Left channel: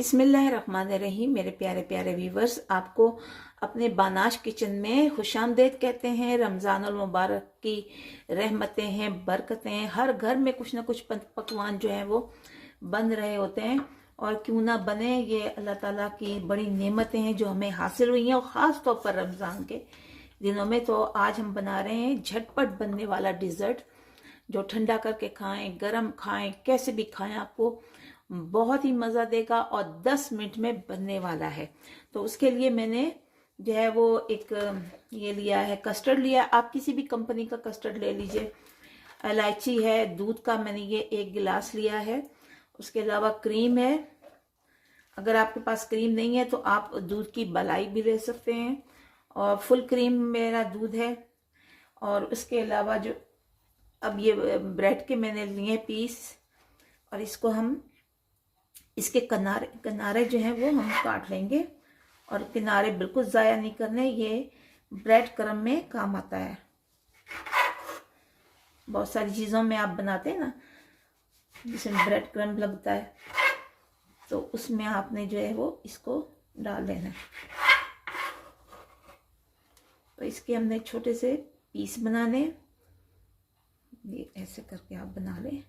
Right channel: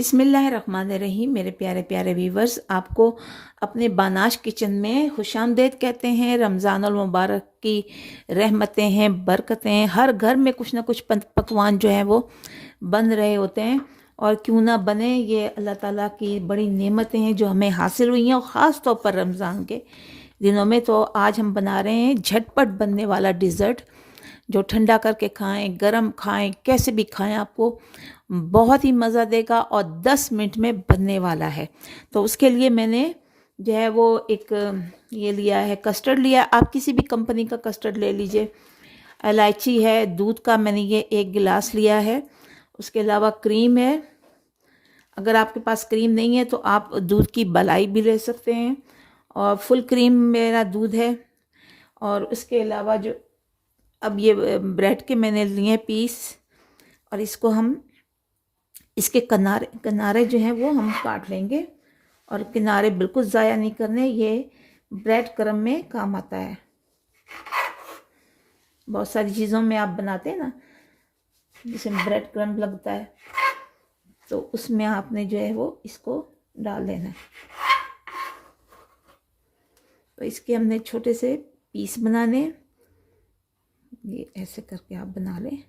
बिस्मिल्लाहिर्रहमानिर्रहीम। मेरे प्यारे प्यारे व्यूवर्स, आपको अपने बानाश किचन में खुशामदीद कहते हैं। रमज़ानुल मुबारक की रहमतें हैं, बरकतें हैं। हर घर में कुछ ना कुछ पकवान जो हैं वो बन रहे होते हैं, और क्यों ना बने, ये अल्लाह ताला की बड़ी नेमतें हैं जो हमें हासिल हुई हैं, और ख़ास तौर पर रमज़ान के दिनों में। तो आज हम बना रहे हैं झटपट बनने वाला डिज़र्ट, जो ठंडा करके खाएं, गरम खाएं, कैसे भी खाएं, आपको बहुत ही मज़ा देगा और 10 मिनट में बनने वाला है। तो उसके लिए मैंने जो है वो एक ये लिया है, कस्टर्ड लिया। आप किसी भी कंपनी का कस्टर्ड ले लीजिए। इलायची है, दूध का मैंने ये 1 गिलास लिया है। उसके अलावा क्रीम है। अगर आपके पास क्रीम नहीं है तो आप दूध की मलाई भी ले सकते हैं, और फुल क्रीम मेरा दूध है। और उसके अलावा जो अब ये ब्रेड के मैंने लिए पीस, और इसको हम इसके किनारे किनारे जो हैं वो हम काट लेंगे, और किनारे बिल्कुल ज़ाया नहीं करने। ये ब्रेड क्रम में काम आता है। बहुत सारी चीज़ों में आप बनाते हैं ना, जिसमें ब्रेड क्रम लगता है, तो उसमें आपने जो है वो इसको डाल देना है। तो इसके हमने छोटे से पीस बनाने, ये ऐसे करके आप बना लें।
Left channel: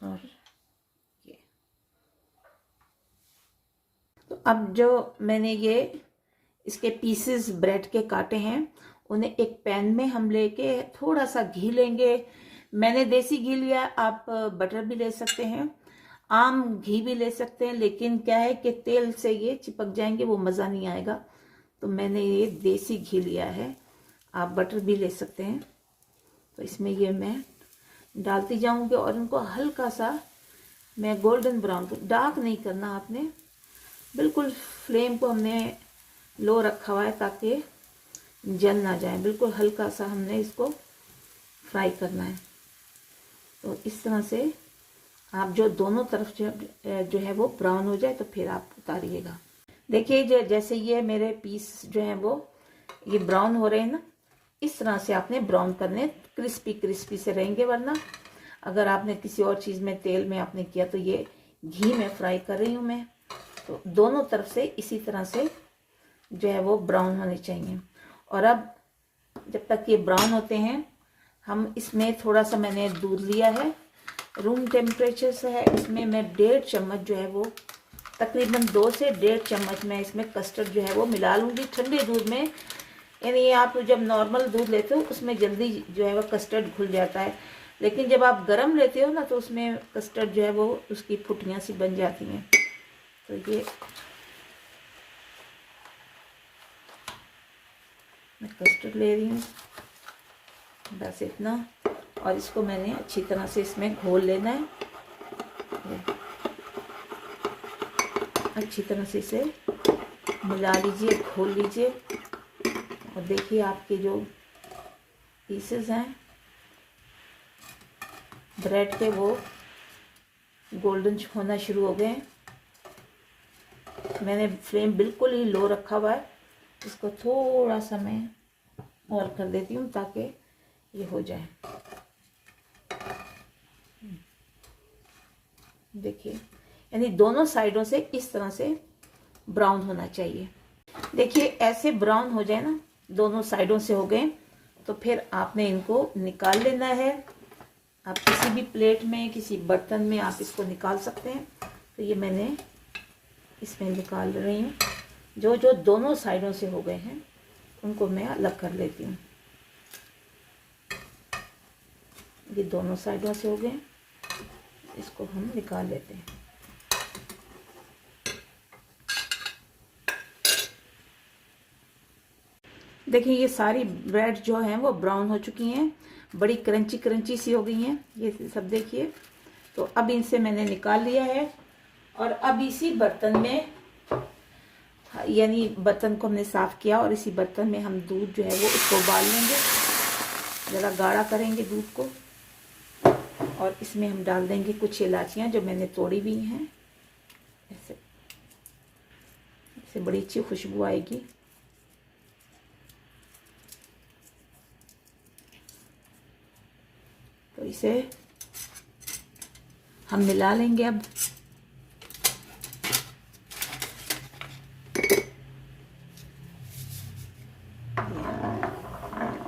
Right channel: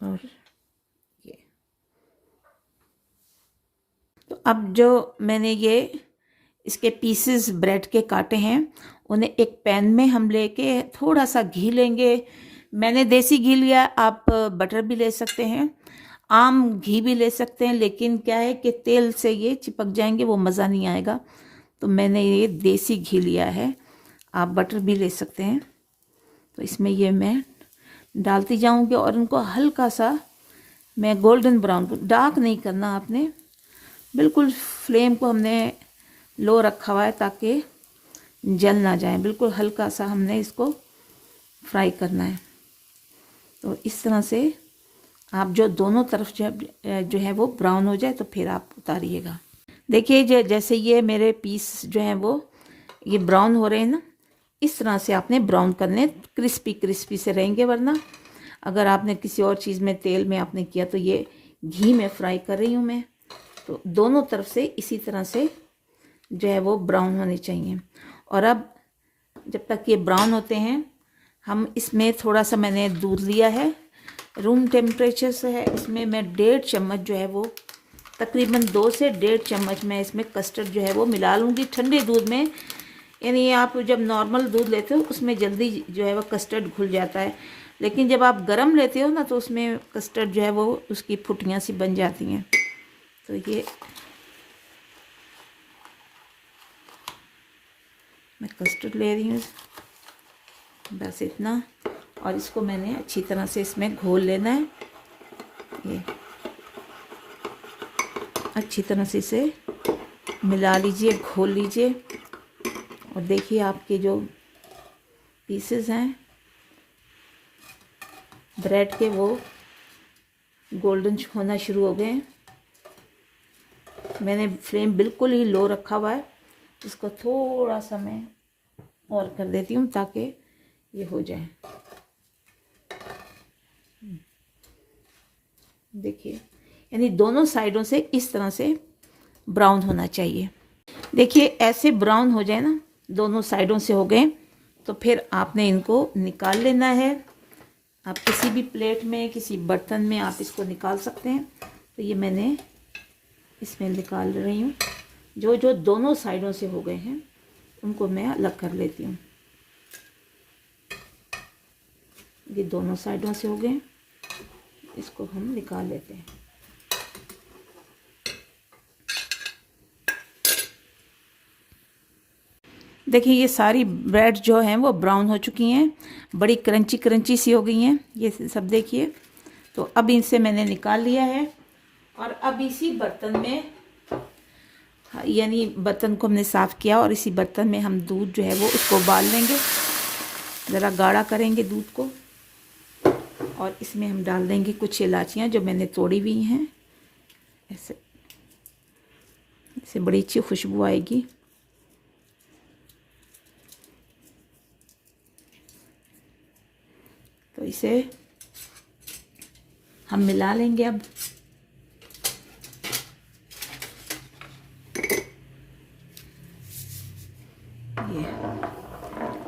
और ये तो अब जो मैंने ये इसके पीसेस ब्रेड के काटे हैं, उन्हें एक पैन में हम लेके थोड़ा सा घी लेंगे। मैंने देसी घी लिया, आप बटर भी ले सकते हैं, आम घी भी ले सकते हैं, लेकिन क्या है कि तेल से ये चिपक जाएंगे, वो मज़ा नहीं आएगा। तो मैंने ये देसी घी लिया है, आप बटर भी ले सकते हैं। तो इसमें ये मैं डालती जाऊंगी, और उनको हल्का सा मैं गोल्डन ब्राउन, डार्क नहीं करना आपने, बिल्कुल फ्लेम को हमने लो रखा हुआ है ताकि जल ना जाए। बिल्कुल हल्का सा हमने इसको फ्राई करना है। तो इस तरह से आप जो दोनों तरफ जो है वो ब्राउन हो जाए तो फिर आप उतारिएगा। देखिए जैसे ये मेरे पीस जो हैं वो ये ब्राउन हो रहे हैं ना, इस तरह से आपने ब्राउन करने, क्रिस्पी क्रिस्पी से रहेंगे। वरना अगर आपने किसी और चीज़ में, तेल में आपने किया, तो ये घी में फ्राई कर रही हूँ मैं। तो दोनों तरफ से इसी तरह से जो है वो ब्राउन होने चाहिए। और अब जब तक ये ब्राउन होते हैं, हम इसमें थोड़ा सा मैंने दूध लिया है, रूम टेम्परेचर से है। इसमें मैं 1.5 चम्मच जो है वो, तकरीबन 2 से 1.5 चम्मच मैं इसमें कस्टर्ड जो है वो मिला लूँगी ठंडे दूध में। यानी आप जब नॉर्मल दूध लेते हो उसमें जल्दी जो है वो कस्टर्ड घुल जाता है, लेकिन जब आप गर्म लेते हो ना तो उसमें कस्टर्ड जो है वो उसकी फुटियाँ सी बन जाती हैं। तो ये मैं कस्टर्ड ले रही हूँ, बस इतना। और इसको मैंने अच्छी तरह से इसमें घोल लेना है। ये अच्छी तरह से इसे मिला लीजिए, घोल लीजिए। और देखिए आपके जो पीसेस हैं ब्रेड के, वो गोल्डन होना शुरू हो गए हैं। मैंने फ्लेम बिल्कुल ही लो रखा हुआ है। इसको थोड़ा सा मैं और कर देती हूँ ताकि ये हो जाए। देखिए, यानी दोनों साइडों से इस तरह से ब्राउन होना चाहिए। देखिए ऐसे ब्राउन हो जाए ना, दोनों साइडों से हो गए, तो फिर आपने इनको निकाल लेना है। आप किसी भी प्लेट में, किसी बर्तन में आप इसको निकाल सकते हैं। तो ये मैंने इसमें निकाल रही हूँ। जो जो दोनों साइडों से हो गए हैं उनको मैं अलग कर लेती हूँ। ये दोनों साइडों से हो गए, इसको हम निकाल लेते हैं। देखिए ये सारी ब्रेड जो हैं वो ब्राउन हो चुकी हैं, बड़ी क्रंची क्रंची सी हो गई हैं ये सब। देखिए, तो अब इनसे मैंने निकाल लिया है, और अब इसी बर्तन में, यानी बर्तन को हमने साफ़ किया, और इसी बर्तन में हम दूध जो है वो इसको उबाल लेंगे। ज़रा गाढ़ा करेंगे दूध को, और इसमें हम डाल देंगे कुछ इलायचियाँ जो मैंने तोड़ी हुई हैं। ऐसे इससे बड़ी अच्छी खुशबू आएगी। तो इसे हम मिला लेंगे अब।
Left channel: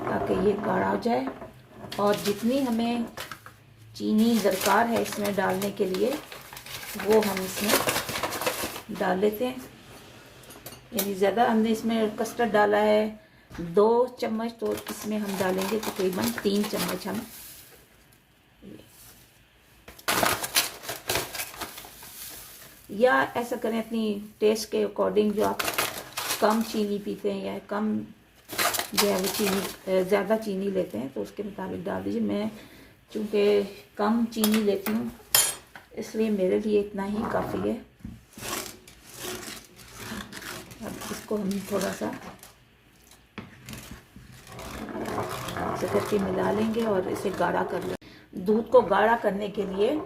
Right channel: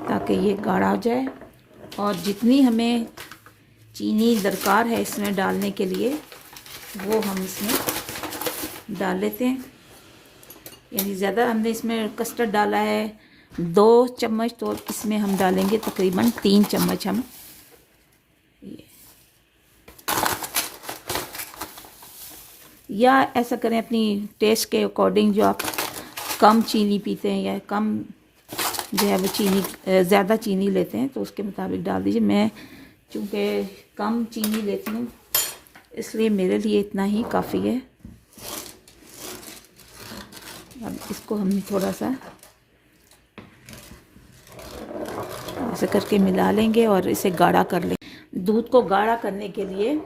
ताकि ये गाढ़ा हो जाए, और जितनी हमें चीनी दरकार है इसमें डालने के लिए वो हम इसमें डाल लेते हैं। यानी ज़्यादा हमने इसमें कस्टर्ड डाला है 2 चम्मच, तो इसमें हम डालेंगे तकरीबन 3 चम्मच हम। या ऐसा करें अपनी टेस्ट के अकॉर्डिंग, जो आप कम चीनी पीते हैं या कम जो है वो चीनी ज़्यादा चीनी लेते हैं तो उसके मुताबिक डाल दीजिए। मैं चूँकि कम चीनी लेती हूँ इसलिए मेरे लिए इतना ही काफ़ी है। अब इसको हम थोड़ा सा ऐसे करके मिला लेंगे और इसे गाढ़ा कर लेंगे। दूध को गाढ़ा करने के लिए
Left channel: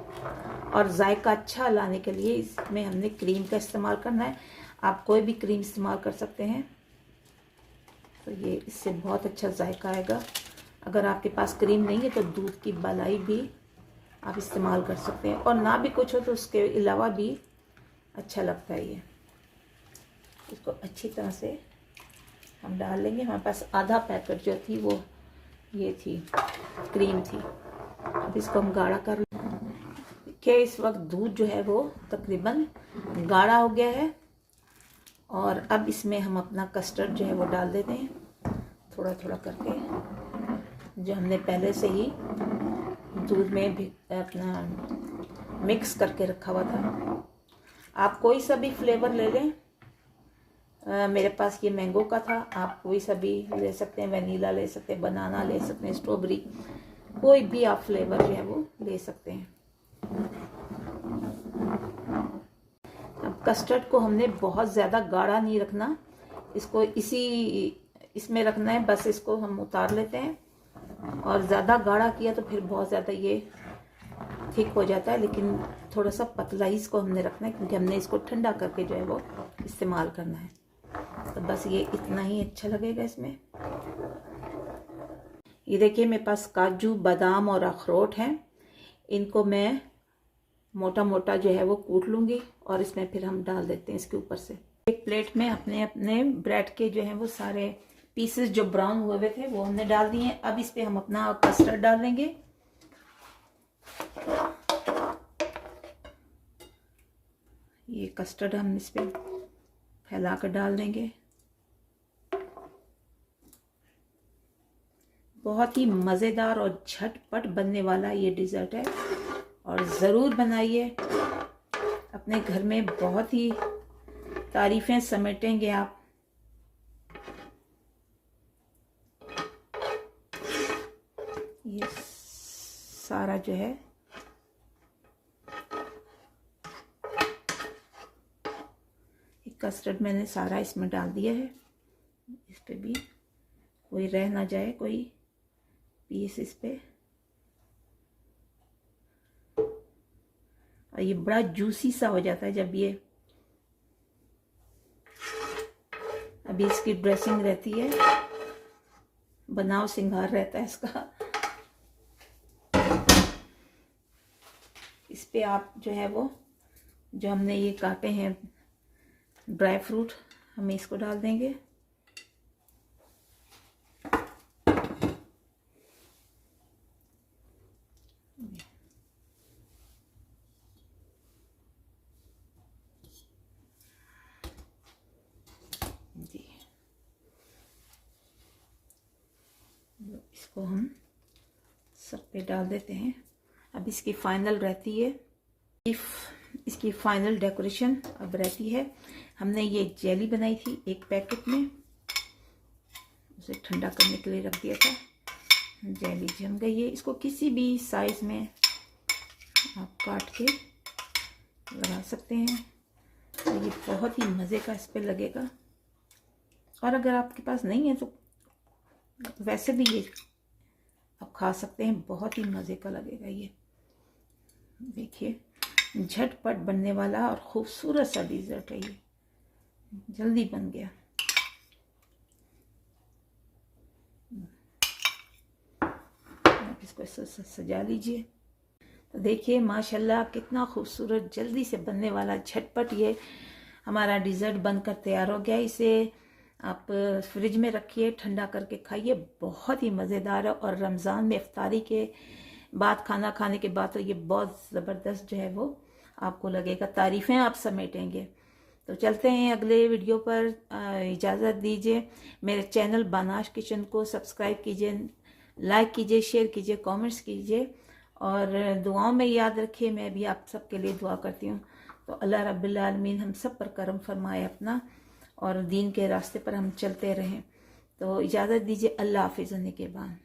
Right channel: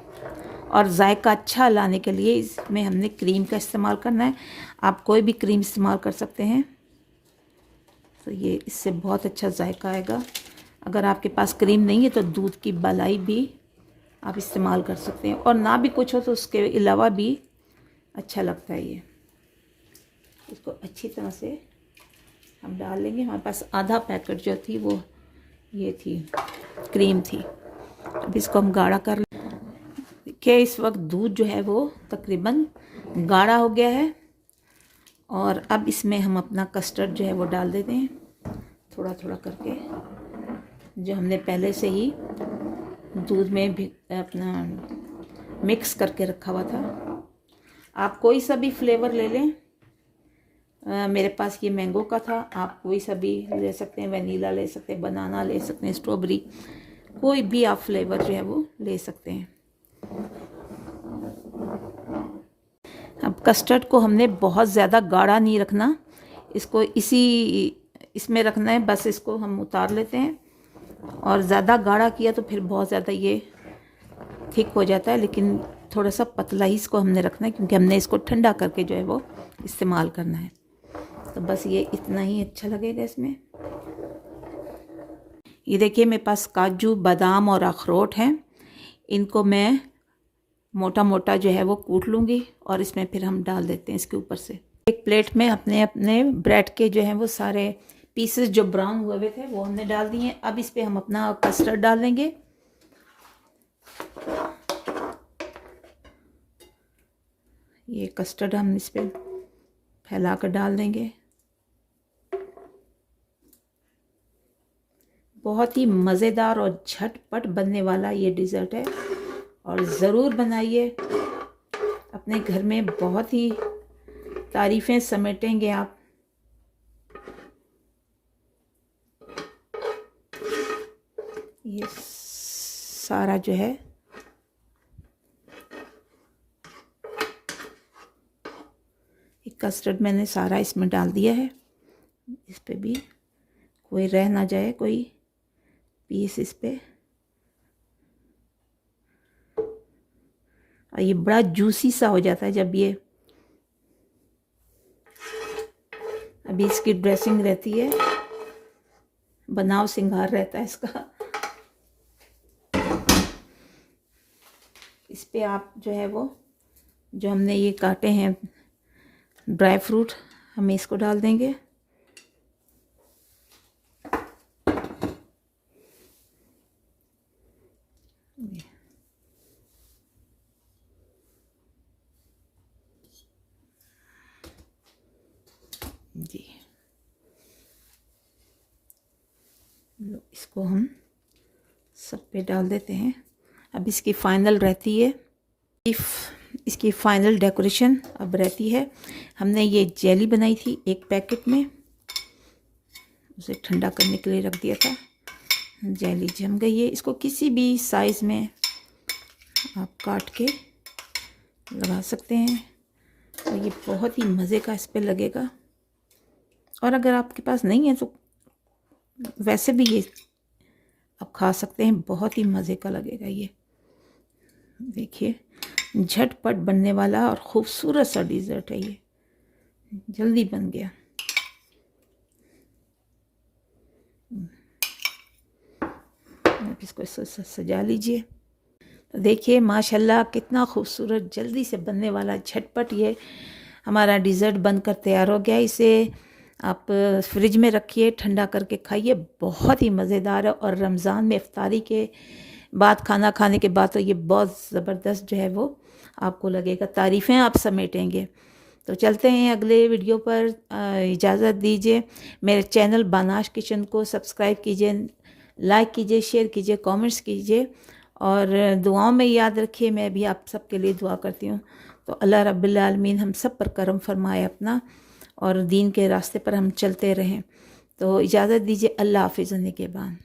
और जायका अच्छा लाने के लिए इसमें हमने क्रीम का इस्तेमाल करना है। आप कोई भी क्रीम इस्तेमाल कर सकते हैं, तो ये इससे बहुत अच्छा जायका आएगा। अगर आपके पास क्रीम नहीं है तो दूध की मलाई भी आप इस्तेमाल कर सकते हैं, और ना भी कुछ हो तो उसके अलावा भी अच्छा लगता है ये। इसको अच्छी तरह से हम डाल लेंगे। हमारे पास आधा पैकेट जो थी वो ये थी, क्रीम थी। अब इसको हम गाढ़ा कर देखिए। इस वक्त दूध जो है वो तकरीबन गाढ़ा हो गया है, और अब इसमें हम अपना कस्टर्ड जो है वो डाल देते हैं थोड़ा थोड़ा करके, जो हमने पहले से ही दूध में भी अपना मिक्स करके रखा हुआ था। आप कोई सा भी फ्लेवर ले लें। मेरे पास ये मैंगो का था, आप कोई सा भी ले सकते हैं, वनीला ले सकते हैं, बनाना ले सकते हैं, स्ट्रॉबेरी, कोई भी आप फ्लेवर जो है वो ले सकते हैं। अब कस्टर्ड को हमने बहुत ज़्यादा गाढ़ा नहीं रखना, इसको इसमें रखना है। बस इसको हम उतार लेते हैं, और ज़्यादा गाढ़ा किया तो फिर बहुत ज़्यादा ये थिक हो जाता है, लेकिन थोड़ा सा पतला ही इसको हमने रखना है, क्योंकि हमने इसको ठंडा करके जो है वो इस्तेमाल करना है। तो बस ये इतना ही अच्छा लगेगा इसमें। ये देखिए मेरे पास काजू, बादाम और अखरोट हैं। इनको मैं मोटा मोटा जो है वो कूट लूँगी, और इसमें फिर हम डाल देते हैं इसके ऊपर से। एक प्लेट में अपने अपने ब्रेड के जो हैं वो सारे पीसेस जो ब्राउन हुए हुए थे वो हमने डाल दिए हैं। अब इस पर हम अपना कस्टर्ड डाल देंगे। ये कस्टर्ड हम इस पर फैला कर डाल देंगे। बहुत ही मज़ेदार और झटपट बनने वाला ये डिज़र्ट है, और ज़रूर बनाइए। अपने घर में बहुत ही तारीफ़ें समेटेंगे आप। ये सारा जो है कस्टर्ड मैंने सारा इसमें डाल दिया है। इस पे भी कोई रह ना जाए, कोई पीस इस पे। और ये बड़ा जूसी सा हो जाता है जब ये, अभी इसकी ड्रेसिंग रहती है, बनाव सिंगार रहता है इसका। इस पे आप जो है वो, जो हमने ये काटे हैं ड्राई फ्रूट, हम इसको डाल देंगे। जी इसको हम सब पे डाल देते हैं। अब इसकी फाइनल रहती है, इसकी फाइनल डेकोरेशन अब रहती है। हमने ये जेली बनाई थी एक पैकेट में, उसे ठंडा करने के लिए रख दिया था। जेली जम गई है। इसको किसी भी साइज़ में आप काट के लगा सकते हैं, और ये बहुत ही मज़े का इस पर लगेगा। और अगर आपके पास नहीं है तो वैसे भी ये आप खा सकते हैं, बहुत ही मज़े का लगेगा ये। देखिए झटपट बनने वाला और ख़ूबसूरत सा डिज़र्ट है ये, जल्दी बन गया। आप इसको सजा लीजिए। तो देखिए माशाल्लाह कितना खूबसूरत जल्दी से बनने वाला झटपट ये हमारा डिज़र्ट बनकर तैयार हो गया। इसे आप फ्रिज में रखिए, ठंडा करके खाइए, बहुत ही मज़ेदार है। और रमज़ान में इफ्तारी के बाद, खाना खाने के बाद तो ये बहुत ज़बरदस्त जो है वो आपको लगेगा, तारीफ़ें आप समेटेंगे। तो चलते हैं अगले वीडियो पर। इजाज़त दीजिए। मेरे चैनल बानाश किचन को सब्सक्राइब कीजिए, लाइक कीजिए, शेयर कीजिए, कमेंट्स कीजिए और दुआओं में याद रखिए। मैं भी आप सब के लिए दुआ करती हूँ। तो अल्लाह रब्बिल आलमीन हम सब पर करम फरमाए अपना, और दीन के रास्ते पर हम चलते रहें। तो इजाज़त दीजिए। अल्लाह हाफ़िज़। के बाद